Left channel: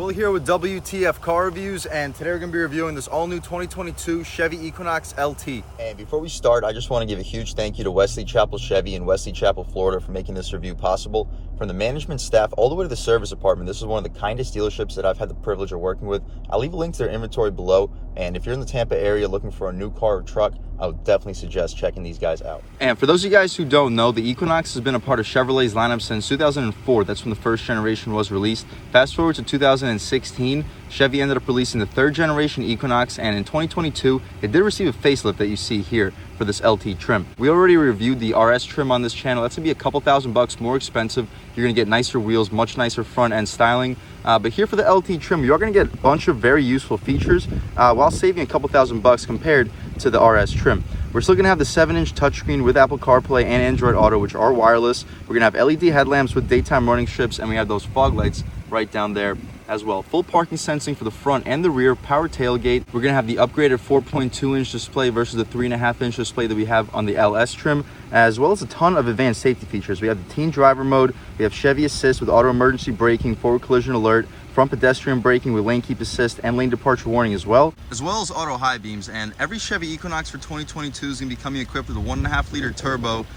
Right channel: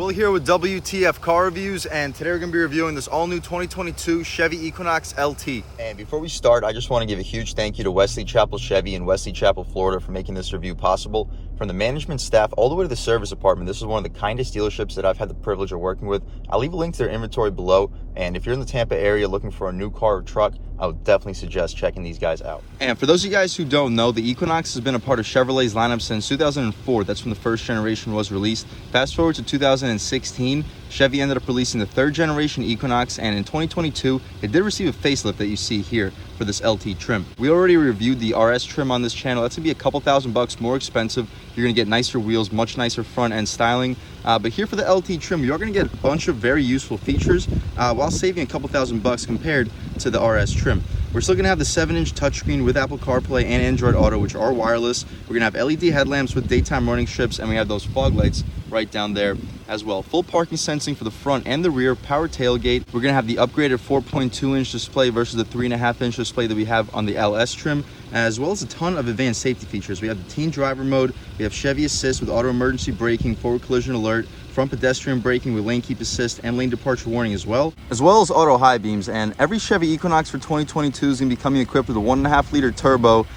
Will here with W.T.F car reviews, and today we're going to be reviewing this all-new 2022 Chevy Equinox LT. And before we start, I just want to give a huge thank you to Wesley Chapel Chevy in Wesley Chapel, Florida for making this review possible. From the management staff all the way to the service department, this is one of the kindest dealerships that I've had the privilege of working with. I'll leave a link to their inventory below, and if you're in the Tampa area looking for a new car or truck, I would definitely suggest checking these guys out. And for those of you guys who don't know, the Equinox has been a part of Chevrolet's lineup since 2004. That's when the first generation was released. Fast forward to 2016, Chevy ended up releasing the third generation Equinox, and in 2022, it did receive a facelift that you see here for this LT trim. We already reviewed the RS trim on this channel. That's gonna be a couple $1,000 more expensive. You're gonna get nicer wheels, much nicer front end styling. But here for the LT trim, you're gonna get a bunch of very useful features while saving a couple $1,000 compared to the RS trim. We're still gonna have the 7-inch touchscreen with Apple CarPlay and Android Auto, which are wireless. We're gonna have LED headlamps with daytime running strips, and we have those fog lights right down there as well. Full parking sensing for the front and the rear, power tailgate. We're gonna have the upgraded 4.2-inch display versus the 3.5-inch display that we have on the LS trim, as well as a ton of advanced safety features. We have the teen driver mode, we have Chevy Assist with auto emergency braking, forward collision alert, front pedestrian braking with lane keep assist and lane departure warning as well as auto high beams. And every Chevy Equinox for 2022 is going to be coming equipped with a 1.5-liter turbo,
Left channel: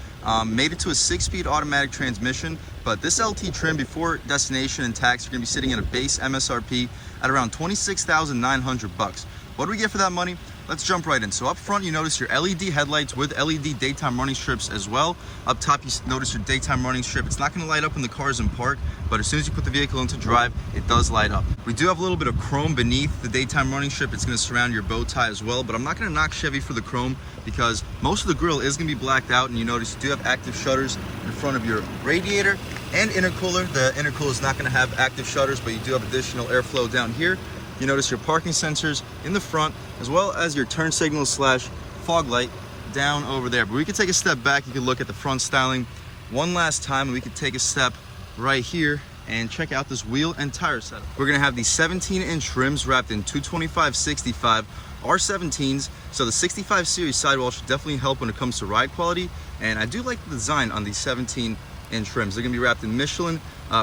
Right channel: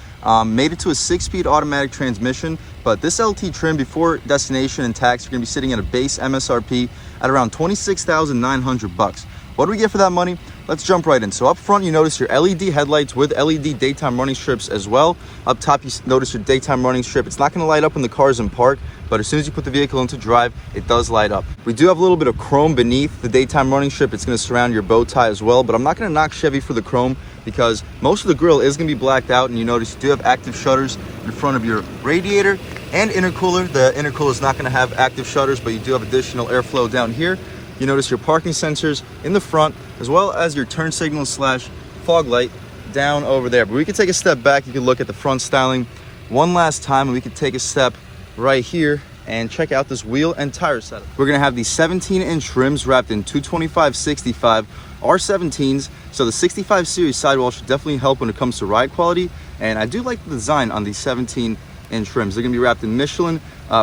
made it to a 6-speed automatic transmission. But this LT trim before destination and tax, you're going to be sitting at a base MSRP at around $26,900. What do we get for that money? Let's jump right in. So up front, you notice your LED headlights with LED daytime running strips as well. Up top, you notice your daytime running strip. It's not going to light up when the car is in park, but as soon as you put the vehicle into drive, it does light up. We do have a little bit of chrome beneath the daytime running strip. It's going to surround your bow tie as well, but I'm not going to knock Chevy for the chrome because most of the grille is going to be blacked out, and you notice you do have active shutters in front of your radiator and intercooler. The intercooler is not going to have active shutters, but you do have additional airflow down here. You notice your parking sensors in the front, as well as your turn signal slash fog light down over there. But we can take a step back. You can look at the front styling one last time, and we could take a step right here and check out this wheel and tire setup. We're gonna have these 17-inch rims wrapped in 225/65 R17s. So the 65 series sidewall should definitely help when it comes to ride quality. And I do like the design on these 17-inch rims. They're gonna be wrapped in Michelin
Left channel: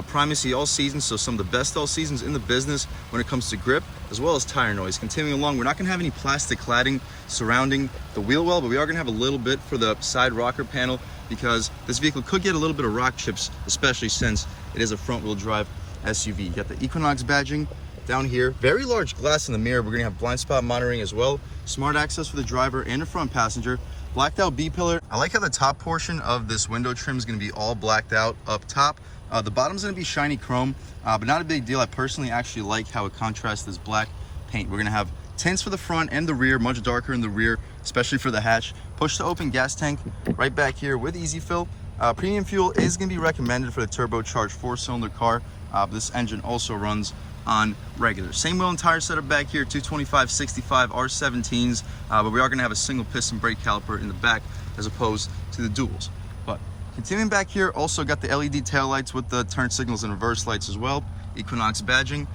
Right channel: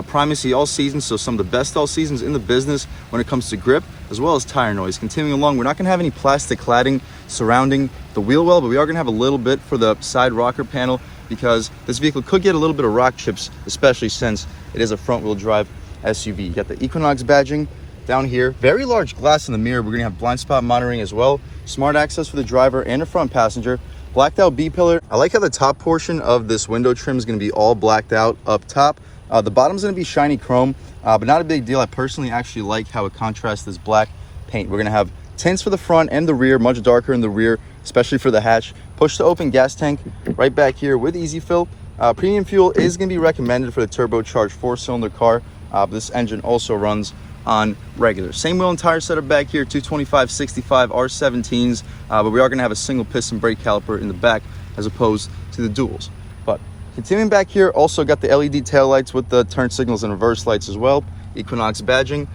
Primacy all seasons, so some of the best all seasons in the business when it comes to grip as well as tire noise. Continuing along, we're not going to have any plastic cladding surrounding the wheel well, but we are going to have a little bit for the side rocker panel because this vehicle could get a little bit of rock chips, especially since it is a front wheel drive SUV. You got the Equinox badging down here, very large glass in the mirror. We're going to have blind spot monitoring as well, smart access for the driver and the front passenger, blacked out B-pillar. I like how the top portion of this window trim is going to be all blacked out up top. The bottom's going to be shiny chrome, but not a big deal. I personally actually like how it contrasts this black paint. We're going to have tints for the front and the rear, much darker in the rear, especially for the hatch. Push to open gas tank right back here with easy fill. Premium fuel is going to be recommended for the turbocharged 4-cylinder car. This engine also runs on regular. Same wheel and tire setup back here, 225/65 R17s, but we are going to have a single piston brake caliper in the back as opposed to the duals. But continuing back here, also got the LED taillights with the turn signals and reverse lights as well. Equinox badging.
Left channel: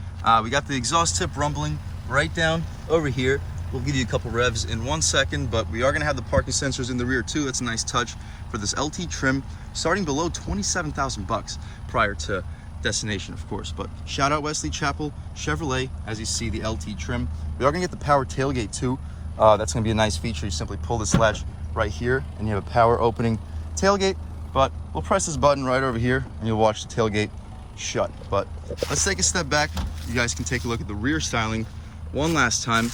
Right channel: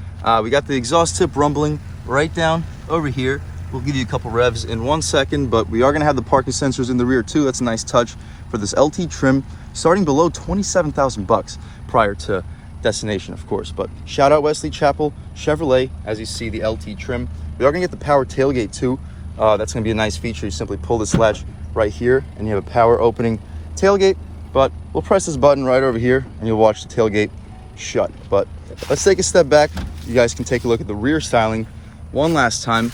We got the exhaust tip rumbling right down over here. We'll give you a couple revs in 1 second, but we are going to have the parking sensors in the rear too. That's a nice touch for this LT trim, starting below $27,000 prior to destination, of course. But shout out Wesley Chapel Chevrolet. As you see, the LT trim. We are going to get the power tailgate too. That's going to be a nice feature. You simply pull this latch right here, and you have a power opening tailgate. But we'll press this button right over here and you'll watch the tailgate shut. But let's take a step back. You guys can take a look at the rear styling one last time,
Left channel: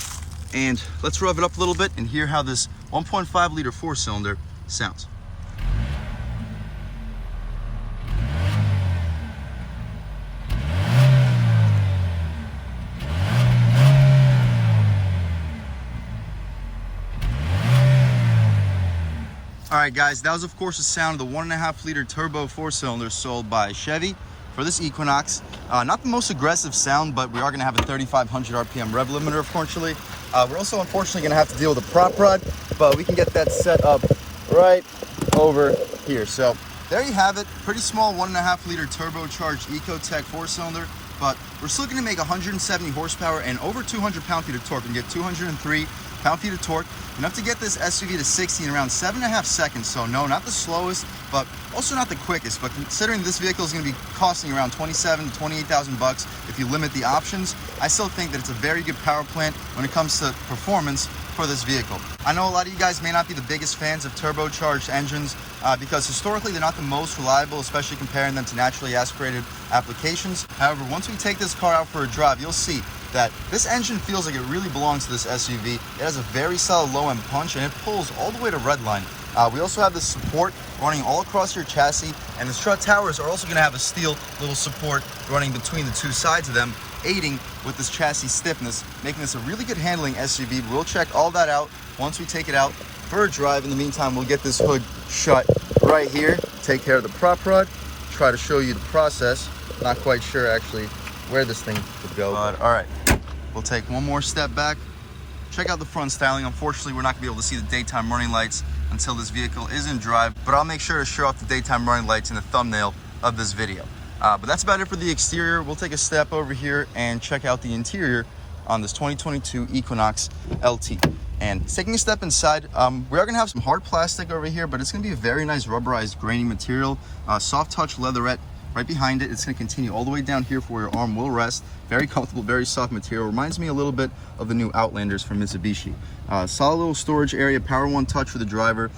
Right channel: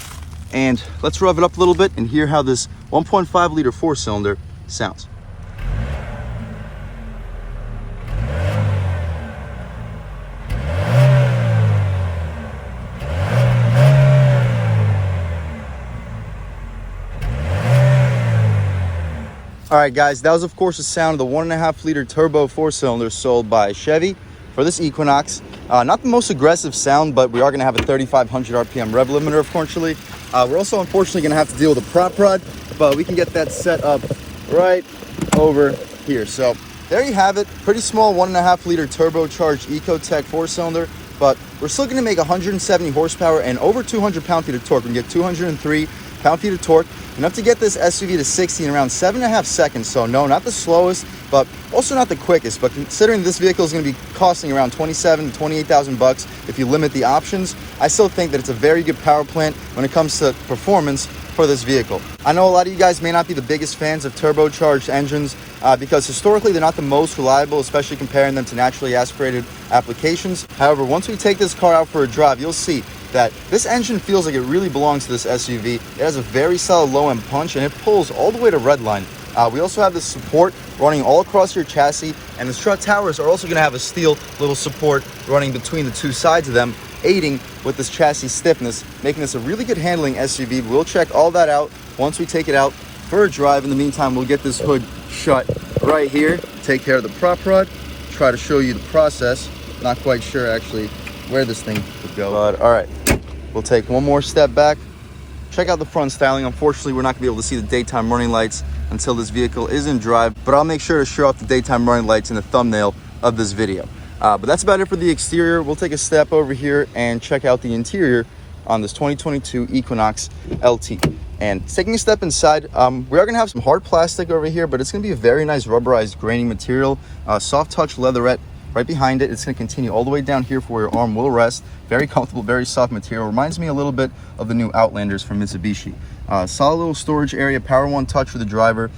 and let's rev it up a little bit and hear how this 1.5-liter 4-cylinder sounds. All right, guys, that was, of course, the sound of the 1.5-liter turbo 4-cylinder sold by Chevy for this Equinox. Not the most aggressive sound, but we are going to have a 3,500 RPM rev limiter, unfortunately. We're also, unfortunately, going to have to deal with a prop rod, but we can get that set up right over here. So there you have it. Pretty small 1.5-liter turbocharged Ecotec 4-cylinder, but we're still going to make 170 horsepower and over 200 pound-feet of torque. We can get 203 pound-feet of torque, enough to get this SUV to 60 in around 7.5 seconds. So no, not the slowest, but also not the quickest. But considering this vehicle is going to be costing around 27 to 28,000 bucks if you limit the options, I still think that it's a very good power plant when it comes to performance for this vehicle. I know a lot of you guys may not be the biggest fans of turbocharged engines because historically they're not the most reliable, especially comparing them to naturally aspirated applications. However, once we take this car out for a drive, you'll see that this engine feels like it really belongs to this SUV. It has a very solid low end punch and it pulls all the way to redline. We also have this support running all across your chassis, and the strut towers are also going to have a steel little support running between the two sides of them, aiding with this chassis stiffness, making this a really good handling SUV. We'll check all that out once we take it out for a drive. In the meantime, we'll get this hood shut right here, take care of the prop rod, try to show you the process. Not quite sure actually where this thing could go, but all right, we'll take one more step back, check out the front styling. Unfortunately, we're not gonna be able to see the daytime running lights until this vehicle is in drive, but I'll make sure to show off the daytime running lights in the thumbnail of this video. But that's about it for the exterior. We'll take a step over here and check out the interior on this 2022 Equinox LT. And taking a step inside, we are gonna have some hard plastic over here, but it's gonna be a very nice rubberized grainy material, soft touch leatherette right behind it. It's gonna continue all the way down here for where your arm will rest. Very comfortable, very soft material. Reminds me a little bit of the new Outlanders from Mitsubishi. Solid little storage area, power one touch for the driver.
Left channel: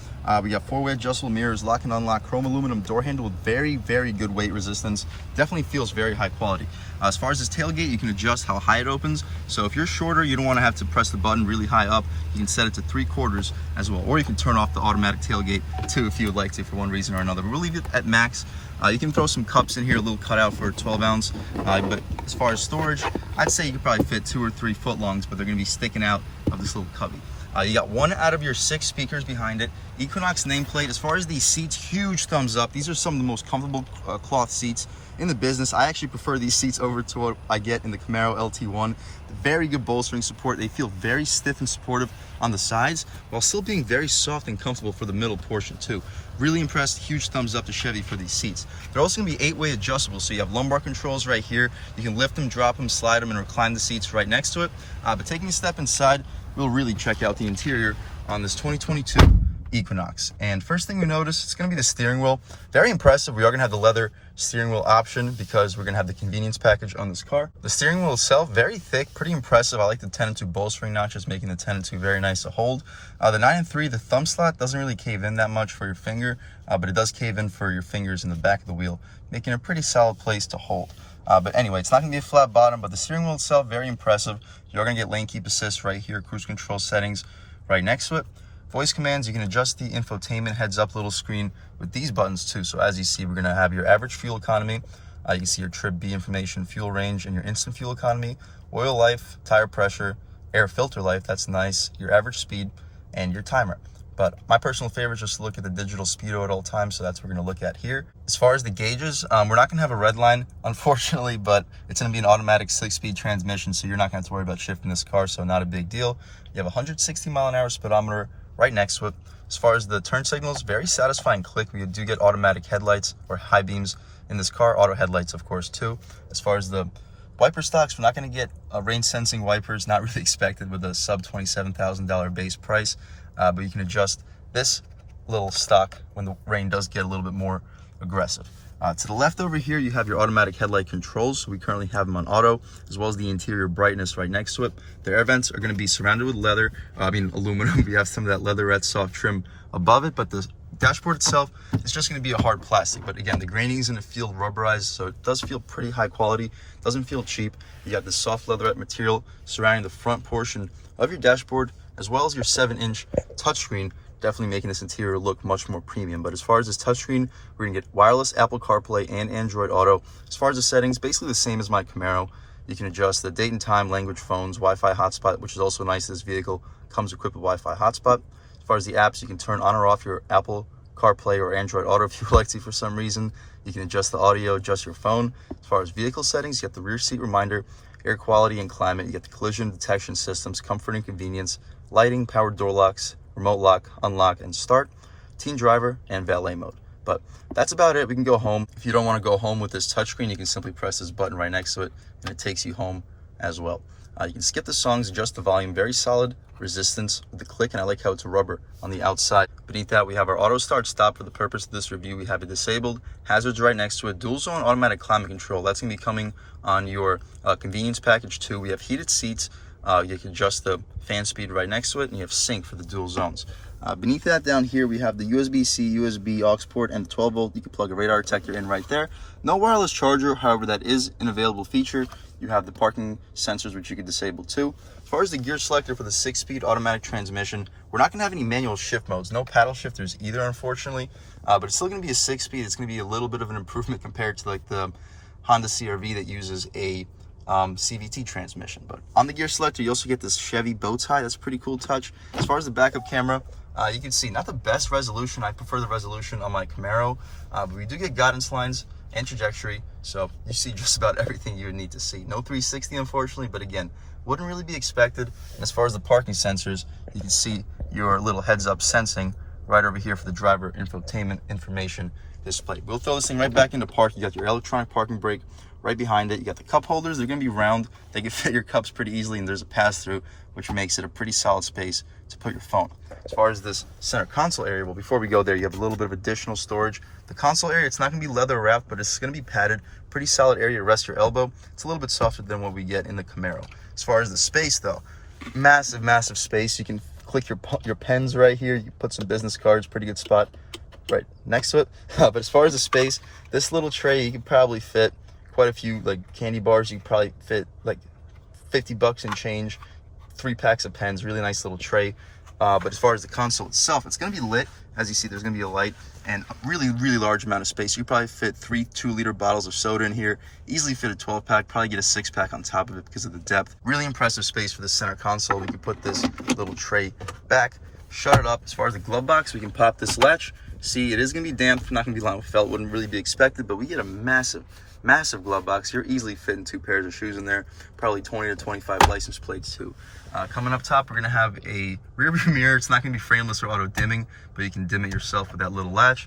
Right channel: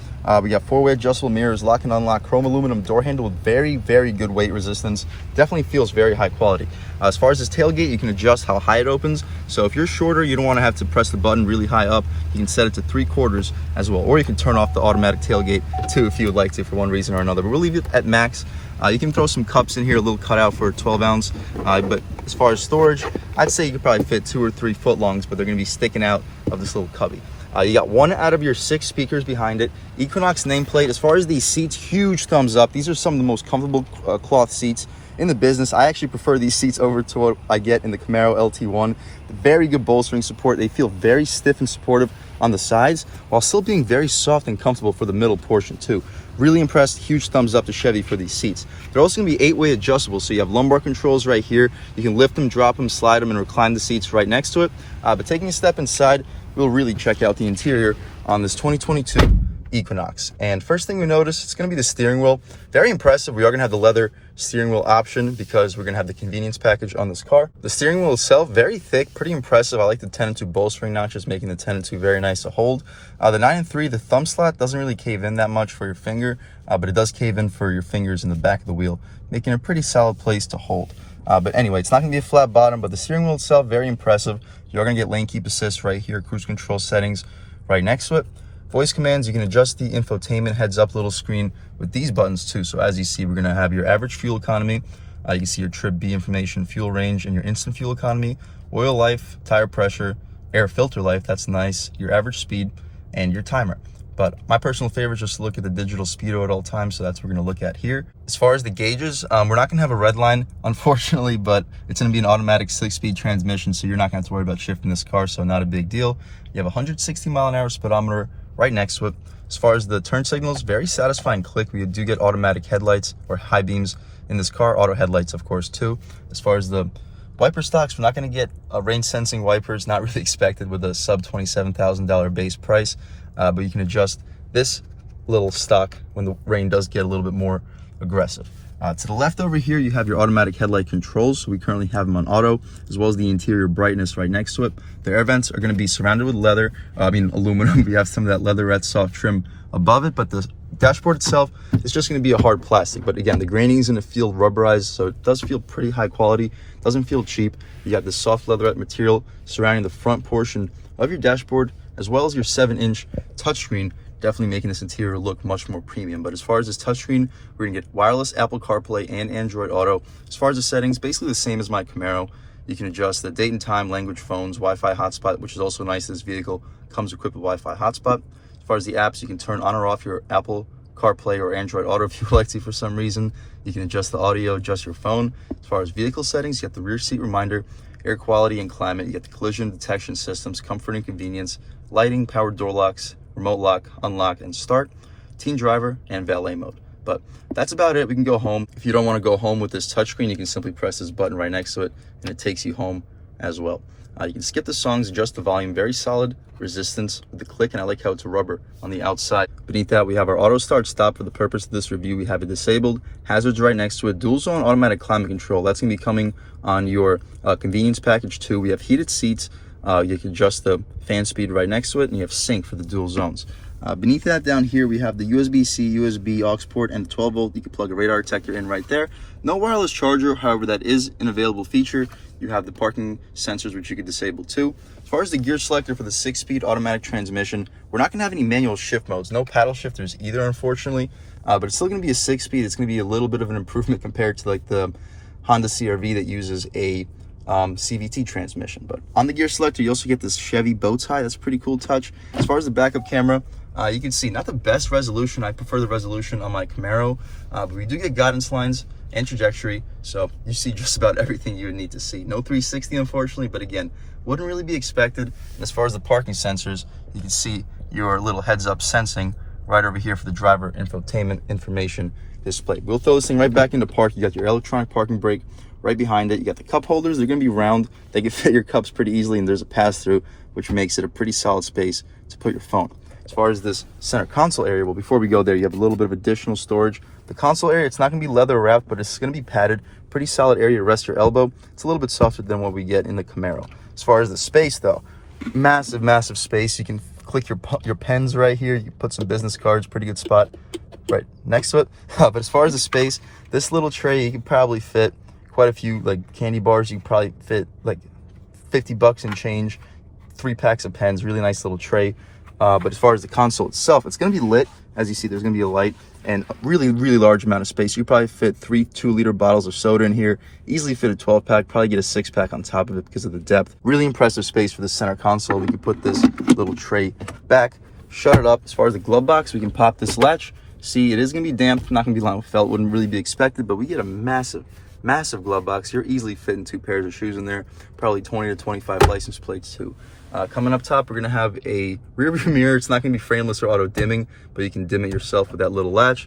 We got four-way adjustable mirrors, lock and unlock, chrome aluminum door handle with very, very good weight resistance. Definitely feels very high quality. As far as this tailgate, you can adjust how high it opens. So if you're shorter, you don't want to have to press the button really high up. You can set it to 3/4 as well, or you can turn off the automatic tailgate too if you would like to for one reason or another. But we'll leave it at max. You can throw some cups in here, a little cutout for a 12 ounce. But as far as storage, I'd say you could probably fit 2 or 3 foot longs, but they're gonna be sticking out of this little cubby. You got 1 out of your 6 speakers behind it. Equinox nameplate. As far as these seats, huge thumbs up. These are some of the most comfortable cloth seats in the business. I actually prefer these seats over to what I get in the Camaro LT1. Very good bolstering support. They feel very stiff and supportive on the sides while still being very soft and comfortable for the middle portion too. Really impressed. Huge thumbs up to Chevy for these seats. They're also going to be 8-way adjustable, so you have lumbar controls right here. You can lift them, drop them, slide them, and recline the seats right next to it. But taking a step inside, we'll really check out the interior on this 2022 Equinox. And first thing we notice, it's going to be the steering wheel. Very impressive. We are going to have the leather steering wheel option because we're going to have the convenience package on this car. The steering wheel itself, very thick, pretty impressive. I like the 10-2 bolstering notches, making the 10-2 very nice to hold. The 9-3, the thumb slot doesn't really cave in that much for your finger, but it does cave in for your fingers in the back of the wheel, making a pretty solid place to hold. But anyway, it's not going to be a flat bottom, but the steering wheel itself, very impressive. You're going to get lane keep assist right here, cruise control settings right next to it. Voice commands, you can adjust the infotainment heads up little screen with these buttons too. So as you see, we're going to have your average fuel economy. You can see your trip B information, fuel range, and your instant fuel economy, oil life, tire pressure, air filter life, that's nice, your average speed, and your timer. But my personal favorite is just to look at the digital speedo at all times, so that's what we're going to look at here. As far as the gauges, we're not going to have a red line, unfortunately, but it's going to be an automatic 6-speed transmission, so you're not going to have to worry about shifting this car, so not a big deal. You have a 160-mile-an-hour speedometer right next to it. As far as the turn signals, very satisfying click. We do get automatic headlights or high beams in this car, auto headlights, of course, too. As far as the wiper stocks, we're not going to get rain sensing wipers, not really expected with a sub $27,000 base price. But you can adjust this little stock when the rain does get a little bit more aggressive. To the left over here, you have your automatic headlight controls. So we currently have them on auto, as well as the interior brightness right next to it. The air vents are going to be surrounded with leather, aluminum. We have some of that leatherette soft trim above it, but the dashboard itself is just going to be a hard plastic. But again, the graining is in the field rubberized, so it does feel pretty high quality. Doesn't feel cheap. You got this soft leatherette material surrounding the front portion of your dashboard, as well as your 7-inch touchscreen, definitely making this interior look much more premium. But as far as this touchscreen, we're gonna get wireless Apple CarPlay and Android Auto. As far as the settings, basically the same as my Camaro. You can adjust the date and time, language, phones, Wi-Fi hotspot, which is also nice. This vehicle comes equipped with Wi-Fi hotspot. As far as the apps, you can turn on or off your Apple CarPlay or Android Auto if you would like to for some reason. You can adjust the audio, adjust your phone. As far as vehicle settings, you get the rear seat reminder, air quality and climate. You get the collision detection systems, comfort and convenience, lighting, power door locks, remote lock, unlock, and start, teen driver, and valet mode. But that's about it. We can go home. If you don't want to go home with this touchscreen, you can simply press this button right next to it, and it takes you home as well. You can skip the songs, adjust the volume, very solid resistance with the click, and I like how it's rubber on the outside. Beneath that, we have our auto start stop. For the purpose of this review, we have it disabled. Hazards right next to it. Dual zone automatic climate control. That's going to be coming on your convenience package too. We have heated seats. You can adjust the fan speed right next to it, and you have sync for the dual zones. Beneath that down here, we have the USB-C, USB aux port, and 12 volt. You can plug a radar detector in right there. No wireless charger, however, that is an available feature. You have the parking sensors, which you can disable too. As far as the gear selector for the 6-speed automatic transmission, we're not going to have any manual shift modes. No paddle shifters either, unfortunately. But it's still going to be a 6-speed. It's going to be a little bit of an improvement compared to like the Honda CR-V that uses a CVT transmission. But on the gear selector, you also get this Chevy bow tie. That's a pretty cool touch. As far as the backup camera, you can see not the best resolution. I prefer the resolution on my Camaro, but we do get guidance lines and trajectory, so you see just about everything you would need to see. No 360, unfortunately, but again, wouldn't really be expected. And as far as the parking sensors, you can see your little heads-up sensing right over here for the driver infotainment information display. We'll throw this thing right back into park. You got your electronic parking brake right behind it. You got the cup holders. They're going to be round. They can fit your cups pretty easily, and there's a pass-through, which makes it a pretty solid space to put your phone. As far as this center console area, well, before we go there, you have a little bit of additional storage. The console area, it's not going to be leather wrapped, but it's going to be padded. Pretty solid area to rest your elbow. It's a little bit softer than what we get in the Camaro. As far as the space, though, massive, massive space. You can click your pens right here. You can put some business cards, pretty good spot right next to it. But as far as the space, this little tray, you can probably fit quite a few like candy bars. You can probably fit like 50 bucks and change, 3 packs of pens. Really nice little tray. But as far as the console itself, it's going to be lit. As you see, there's going to be a light and a really, really large amount of space. You probably fit 3 2-liter bottles of soda in here. Easily fit a 12-pack, probably get a 6-pack on top of it because of the depth. Really impressive space for the center console. We can put this little tray back, shut it up. As far as the glove box, we can pop this latch. See, it is going to be damp, not going to be lined with felt, wouldn't really be expected, but we get a massive, massive glove box. You're easily fitting 2 pairs of shoes in there, probably 20 to 25 license plates too. Coming up top, we're going to have a rear view mirror. It's not going to be frameless or auto dimming, but you can dim it yourself with that little latch.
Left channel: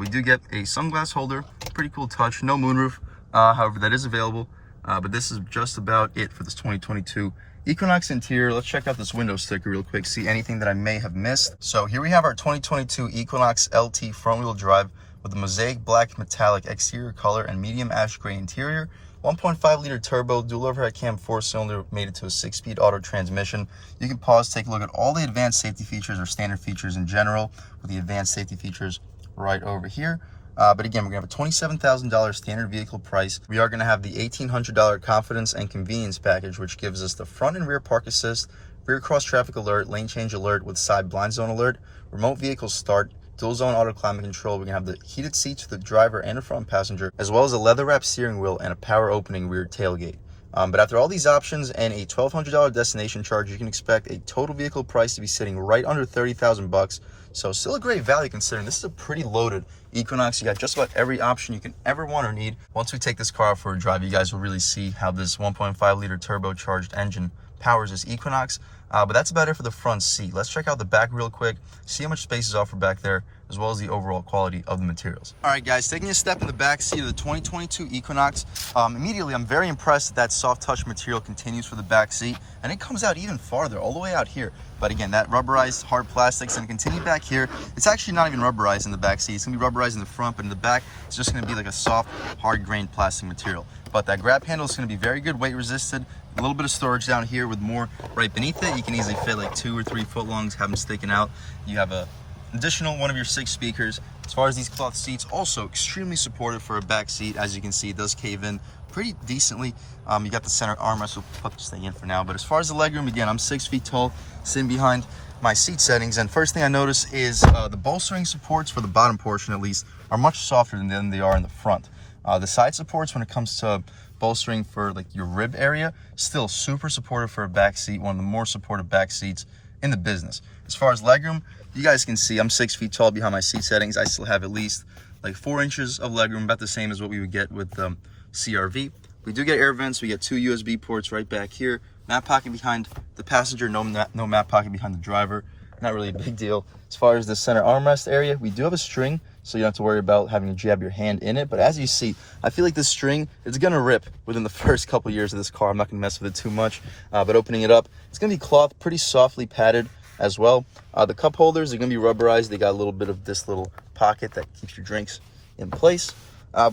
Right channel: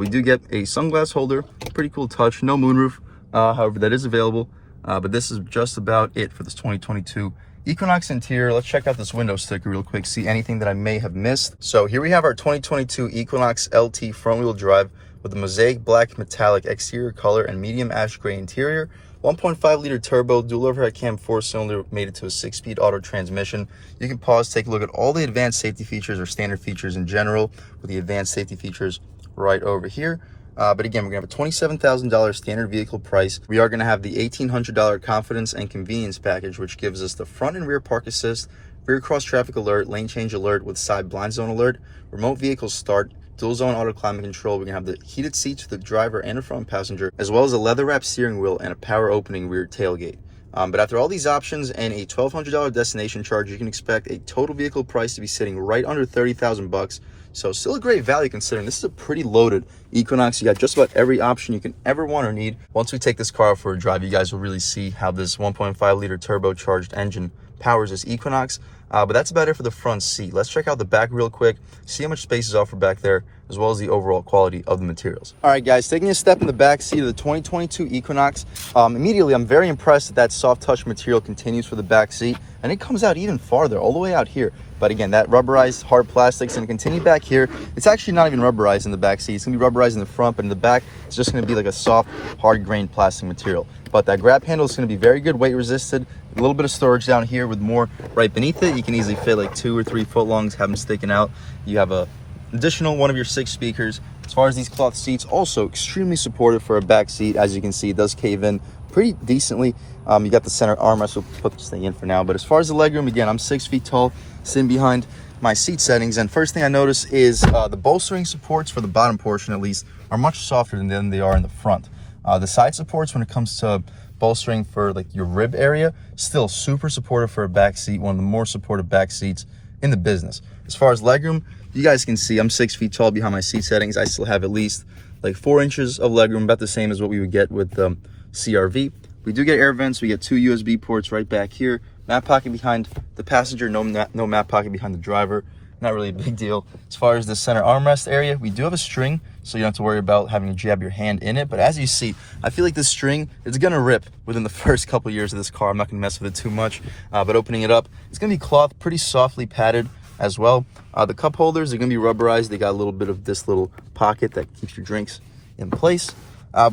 We do get a sunglass holder, pretty cool touch. No moonroof, however, that is available. But this is just about it for this 2022 Equinox interior. Let's check out this window sticker real quick, see anything that I may have missed. So here we have our 2022 Equinox LT front wheel drive with a mosaic black metallic exterior color and medium ash gray interior. 1.5-liter turbo, dual overhead cam 4-cylinder, made it to a 6-speed auto transmission. You can pause, take a look at all the advanced safety features or standard features in general, with the advanced safety features right over here. But again, we're going to have a $27,000 standard vehicle price. We are going to have the $1,800 confidence and convenience package, which gives us the front and rear park assist, rear cross traffic alert, lane change alert with side blind zone alert, remote vehicle start, dual zone auto climate control. We're going to have the heated seats for the driver and the front passenger, as well as a leather wrapped steering wheel and a power opening rear tailgate. But after all these options and a $1,200 destination charge, you can expect a total vehicle price to be sitting right under 30,000 bucks. So still a great value considering this is a pretty loaded Equinox. You got just about every option you can ever want or need. Once we take this car out for a drive, you guys will really see how this 1.5-liter turbocharged engine powers this Equinox. But that's about it for the front seat. Let's check out the back real quick, see how much space is offered back there, as well as the overall quality of the materials. All right, guys, taking a step in the back seat of the 2022 Equinox. Immediately, I'm very impressed that soft touch material continues for the back seat, and it comes out even farther, all the way out here. But again, that rubberized hard plastics and continue back here. It's actually not even rubberized in the back seat. It's gonna be rubberized in the front, but in the back, it's just gonna be like a soft, hard grained plastic material. But that grab handle is gonna be very good weight resisted. A little bit of storage down here with more right beneath it. You can easily fit like 2 or 3 foot longs, have them sticking out. You have a additional one of your 6 speakers. As far as these cloth seats, also extremely supportive for a back seat. As you can see, it does cave in pretty decently. You got the center armrest. We'll put this thing in for now. But as far as the legroom, again, I'm 6 feet tall, sitting behind my seat settings, and first thing I notice is the bolstering supports for the bottom portion, at least, are much softer than they are in the front. The side supports, when it comes to bolstering for like your rib area, still super supportive for a back seat, one of the more supportive back seats in the business. As far as legroom, you guys can see I'm 6 feet tall behind my seat settings. I still have at least like 4 inches of legroom, about the same as what we would get with the CR-V. We do get air vents. We get 2 USB ports right back here. Map pocket behind the passenger, no map pocket behind the driver. Not really a big deal. As far as the center armrest area, we do have a string so you don't have to worry about having to jab your hand in it. But as you see, I feel like this string is gonna rip within the first couple years of this car. I'm not gonna mess with it too much, but opening it up, it's gonna be cloth, pretty softly padded as well. The cup holders are gonna be rubberized. They got a little bit of this little pocket that keeps your drinks in place.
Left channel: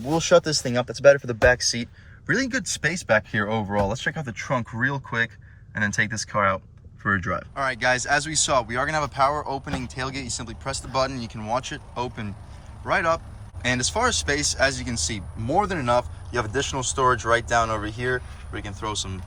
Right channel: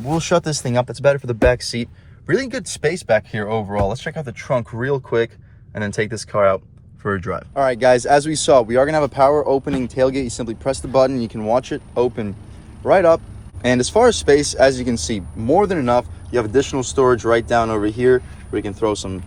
We'll shut this thing up. That's better for the back seat. Really good space back here overall. Let's check out the trunk real quick and then take this car out for a drive. All right, guys, as we saw, we are gonna have a power opening tailgate. You simply press the button, you can watch it open right up. And as far as space, as you can see, more than enough. You have additional storage right down over here where you can throw some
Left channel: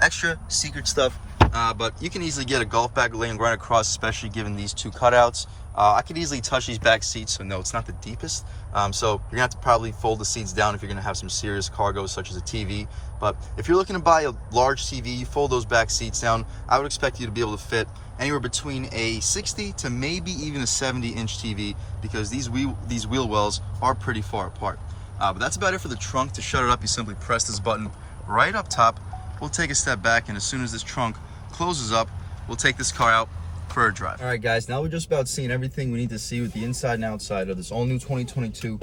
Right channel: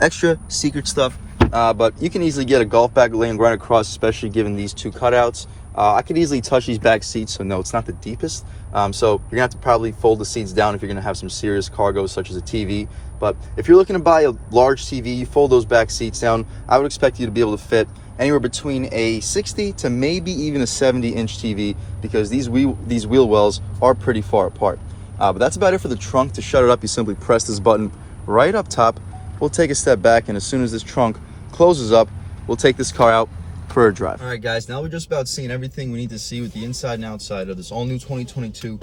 extra secret stuff. But you can easily get a golf bag laying right across, especially given these two cutouts. I could easily touch these back seats, so no, it's not the deepest. So you're gonna have to probably fold the seats down if you're gonna have some serious cargo, such as a TV. But if you're looking to buy a large TV, you fold those back seats down. I would expect you to be able to fit anywhere between a 60 to maybe even a 70-inch TV, because these wheel wells are pretty far apart. But that's about it for the trunk. To shut it up, you simply press this button right up top. We'll take a step back, and as soon as this trunk closes up, we'll take this car out for a drive. All right, guys, now we're just about seeing everything we need to see with the inside and outside of this all-new 2022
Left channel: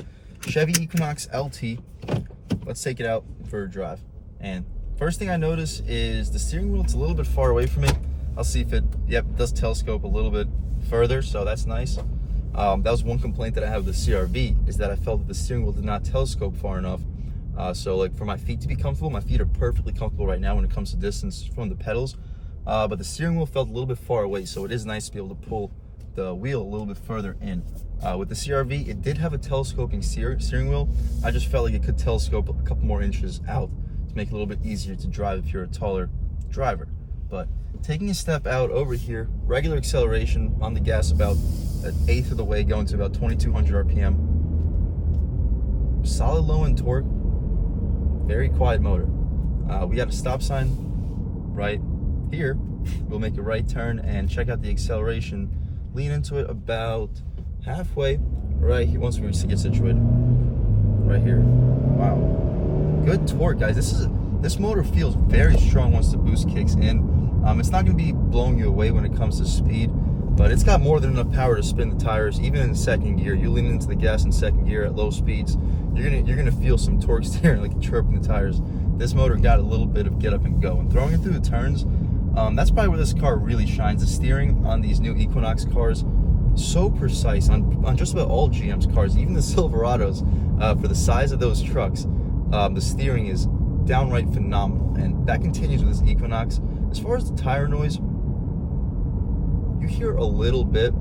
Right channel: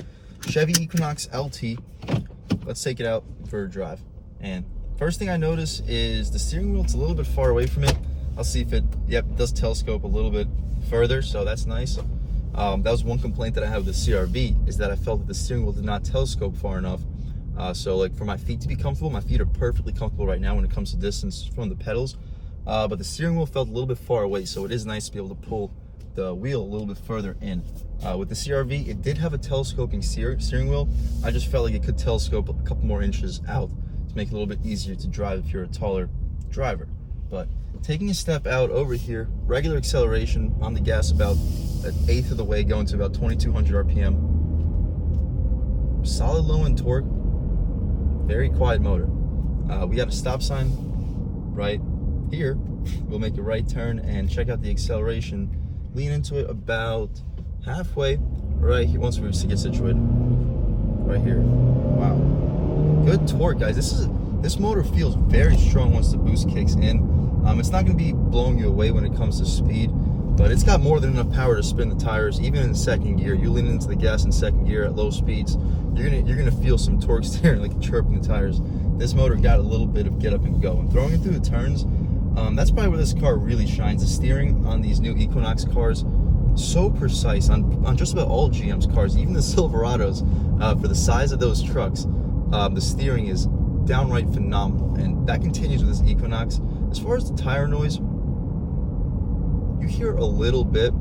Chevy Equinox LT. Let's take it out for a drive. And first thing I notice is the steering wheel. It's a little bit far away from it. I'll see if it, yep, it does telescope a little bit further, so that's nice. That was one complaint that I have with the CR-V, is that I felt that the steering wheel did not telescope far enough. So like for my feet to be comfortable, my feet are perfectly comfortable right now when it comes to distance from the pedals. But the steering wheel felt a little bit far away, so it is nice to be able to pull the wheel a little bit further in. With the CR-V, it did have a telescoping steering wheel. I just felt like it could telescope a couple more inches out to make it a little bit easier to drive if you're a taller driver. But taking a step out over here, regular acceleration on the gas about an eighth of the way, going to about 2200 RPM. Solid low end torque, very quiet motor. We got a stop sign right here. We'll make a right turn and check out the acceleration. Lean into it about halfway right here once we get situated. Right here. Wow. Good torque, guys. This motor feels very strong once the boost kicks in. It's not going to be blowing you away when it comes to speed, but it's got more than enough power to spin the tires, even in second gear. You lean into the gas in second gear at low speeds, you're gonna feel some torque steering, like chirping the tires. This motor got a little bit of get up and go, and throwing it through the turns, that's probably where this car really shines. The steering on these new Equinox cars, so precise on just about all GM's cars, even the Silverados. For the size of those trucks, the steering is downright phenomenal, and that continues with this Equinox. As far as the tire noise, you hear a little bit,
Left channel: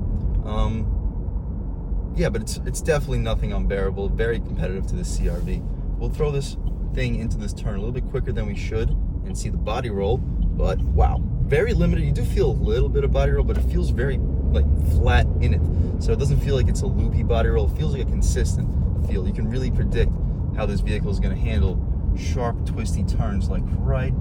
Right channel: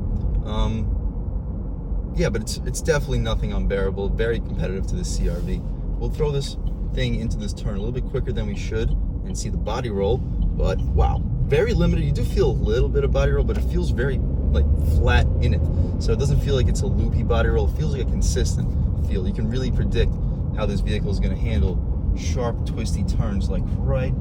yeah, but it's definitely nothing unbearable. Very competitive to the CR-V. We'll throw this thing into this turn a little bit quicker than we should and see the body roll, but wow, very limited. You do feel a little bit of body roll, but it feels very like flat in it, so it doesn't feel like it's a loopy body roll. It feels like a consistent feel. You can really predict how this vehicle is going to handle sharp, twisty turns like right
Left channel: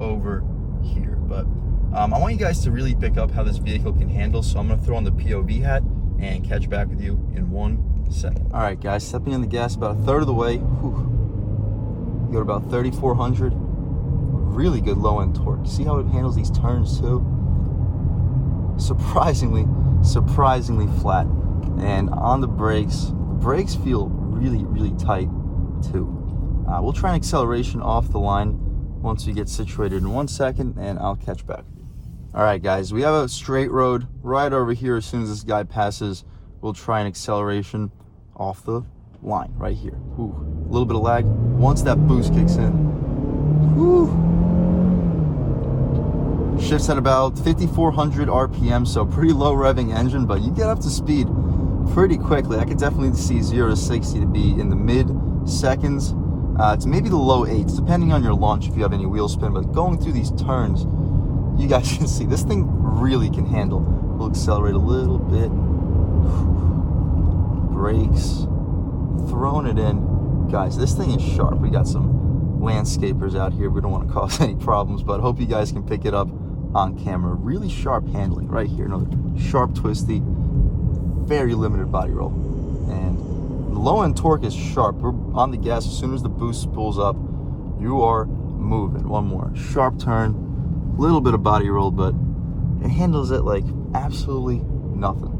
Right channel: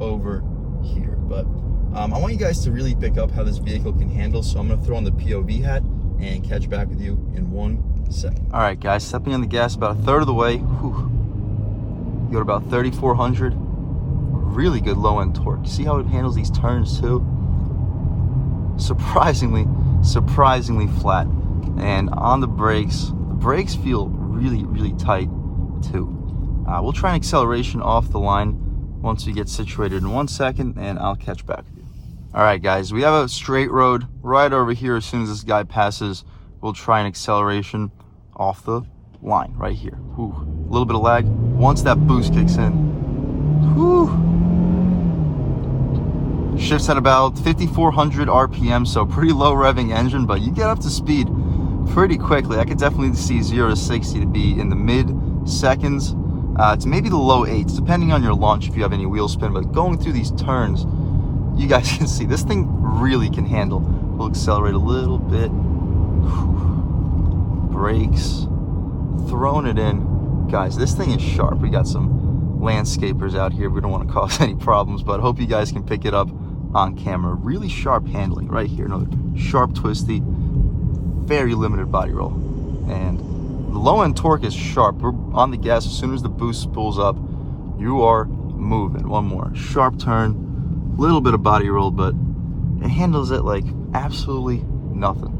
over here. But I want you guys to really pick up how this vehicle can handle, so I'm going to throw on the POV hat and catch back with you in 1 second. All right, guys, stepping on the gas about a third of the way. Whew. You got about 3,400. Really good low end torque. See how it handles these turns too? Surprisingly flat. And on the brakes feel really tight too. We'll try an acceleration off the line once we get situated in 1 second, and I'll catch back with you. All right, guys, we have a straight road right over here. As soon as this guy passes, we'll try an acceleration off the line right here. Ooh, a little bit of lag. Once that boost kicks in, whew, shifts at about 5,400 RPM, so pretty low revving engine, but you get up to speed pretty quickly. I could definitely see 0 to 60 to be in the mid seconds to maybe the low 8s, depending on your launch if you have any wheel spin. But going through these turns, you guys can see this thing really can handle. We'll accelerate a little bit. Brakes, throwing it in. Guys, this thing is sharp. We got some landscapers out here. We don't want to cause any problems, but I hope you guys can pick it up on camera. Really sharp handling right here. Another sharp, twisty, very limited body roll. And the low end torque is sharp. We're on the gas. As soon as the boost spools up, you are moving. One more sharp turn, little bit of body roll, but it handles it like absolutely nothing.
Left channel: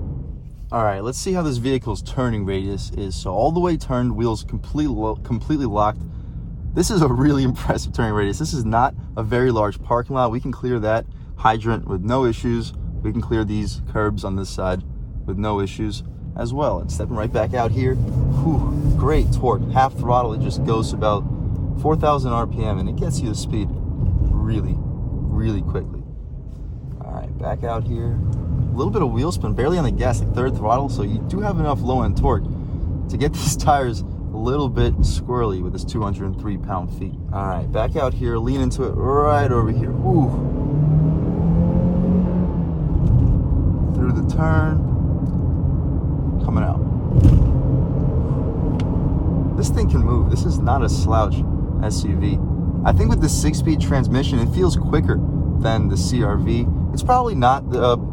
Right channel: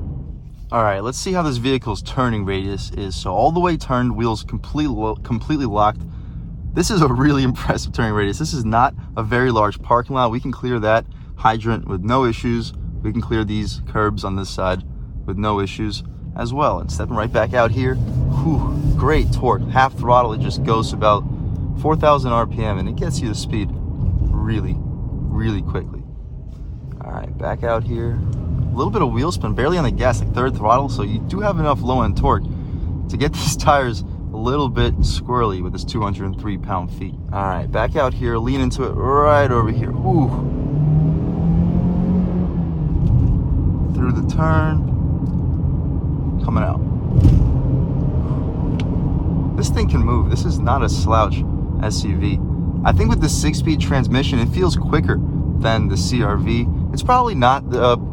All right, let's see how this vehicle's turning radius is. So all the way turned, wheels completely locked. This is a really impressive turning radius. This is not a very large parking lot. We can clear that hydrant with no issues. We can clear these curbs on this side with no issues as well. And stepping right back out here, whew, great torque. Half throttle, it just goes to about 4,000 RPM, and it gets you the speed really quickly. All right, back out here. A little bit of wheel spin, barely on the gas, like third throttle, so you do have enough low end torque to get these tires a little bit squirrely with this 203 pound-feet. All right, back out here, lean into it right over here. Ooh. Through the turn, coming out. This thing can move. This is not a slouch SUV. I think with the 6-speed transmission, it feels quicker than the CR-V. It's probably not,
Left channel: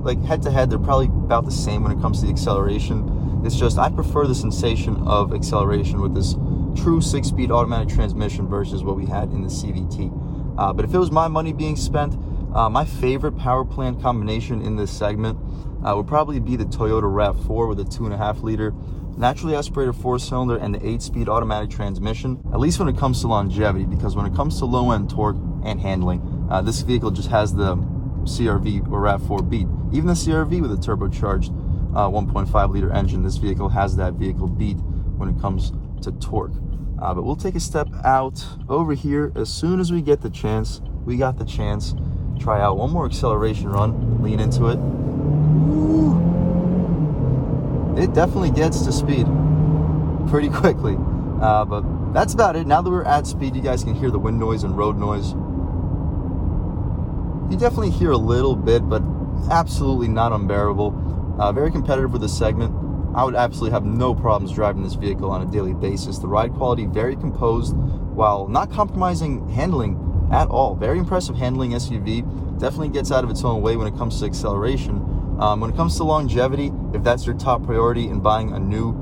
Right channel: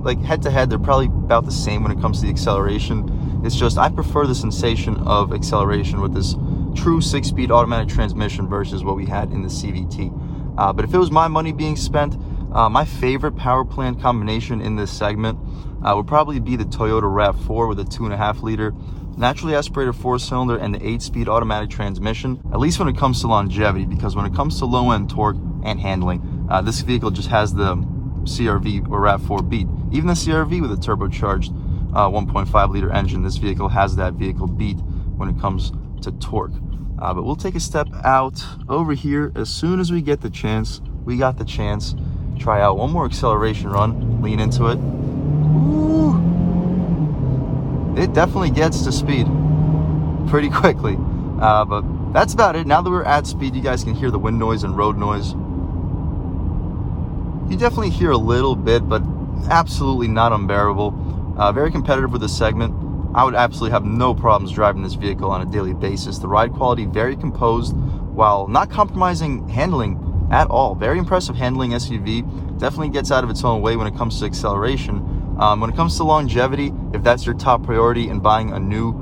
like head to head, they're probably about the same when it comes to the acceleration. It's just, I prefer the sensation of acceleration with this true 6-speed automatic transmission versus what we had in the CVT. But if it was my money being spent, my favorite power plant combination in this segment would probably be the Toyota RAV4 with a 2.5 liter naturally aspirated 4-cylinder and the 8-speed automatic transmission, at least when it comes to longevity, because when it comes to low-end torque and handling, this vehicle just has the CR-V or RAV4 beat. Even the CR-V with a turbocharged 1.5 liter engine, this vehicle has that vehicle beat when it comes to torque. But we'll take a step out over here as soon as we get the chance. We got the chance. Try out one more acceleration run, lean into it. Ooh. It definitely gets to speed pretty quickly. But that's about it. Now that we're at speed, you guys can hear the wind noise and road noise. You definitely hear a little bit, but absolutely not unbearable. Very competitive with the segment. I would absolutely have no problems driving this vehicle on a daily basis. The ride quality, very composed, while not compromising handling at all. Very impressive handling SUV. Definitely gets out of its own way when it comes to acceleration. When it comes to longevity, if that's your top priority in buying a new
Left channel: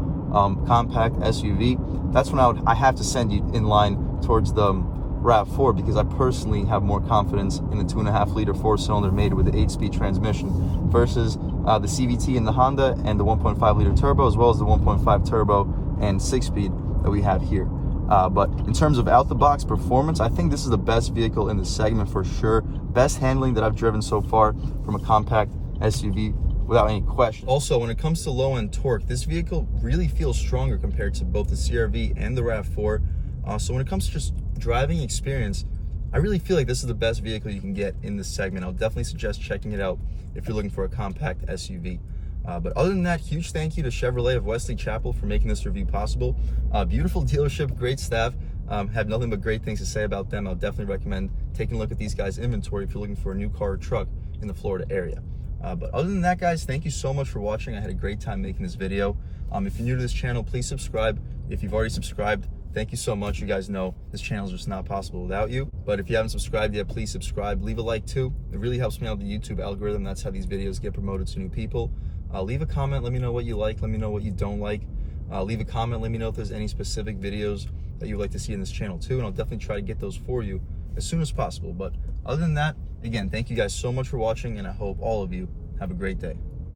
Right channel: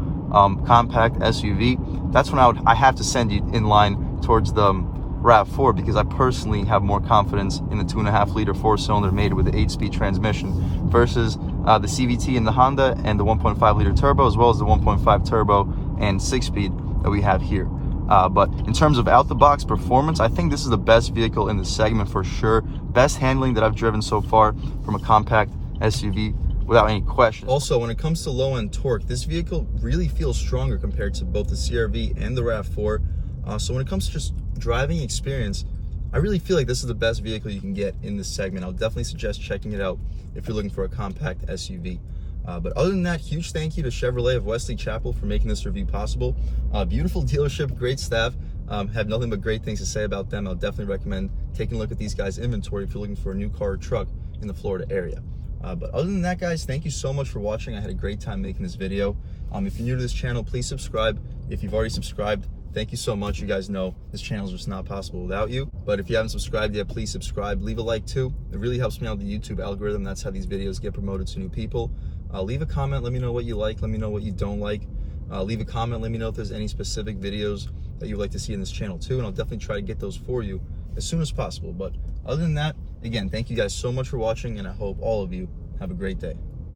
compact SUV, that's when I have to send you in line towards the RAV4, because I personally have more confidence in the 2.5 liter 4-cylinder made with the 8-speed transmission versus the CVT in the Honda and the 1.5 liter turbo, as well as the 1.5 turbo and 6-speed that we have here. But in terms of out-the-box performance, I think this is the best vehicle in the segment for sure. Best handling that I've driven so far from a compact SUV without any question. Also, when it comes to low-end torque, this vehicle really feels stronger compared to both the CR-V and the RAV4. So when it comes to just driving experience, I really feel like this is the best vehicle you can get in this segment. I'll definitely suggest checking it out if you're looking for a compact SUV. But other than that, huge thank you to Chevrolet of Wesley Chapel for making this review possible. Beautiful dealership, great staff. Have nothing but great things to say about them. I'll definitely recommend taking a look at these guys' inventory if you're looking for a new car or truck in the Florida area. But other than that, guys, thank you so much for watching. I had a great time making this video. If you're new to this channel, please subscribe. If you've already subscribed, thank you so much. You guys know this channel is just not possible without you. But if you haven't subscribed yet, please subscribe. Leave a like too. It really helps me out with the YouTube algorithm. That's how these videos get promoted to new people. Leave a comment. Let me know what you like. Let me know what you don't like. Leave a comment. Let me know if there's any specific videos that you'd like to see in this channel too. And I'll definitely try to get those for you as soon as possible. But other than that, again, thank you guys so much for watching, and I hope all of you have a great day.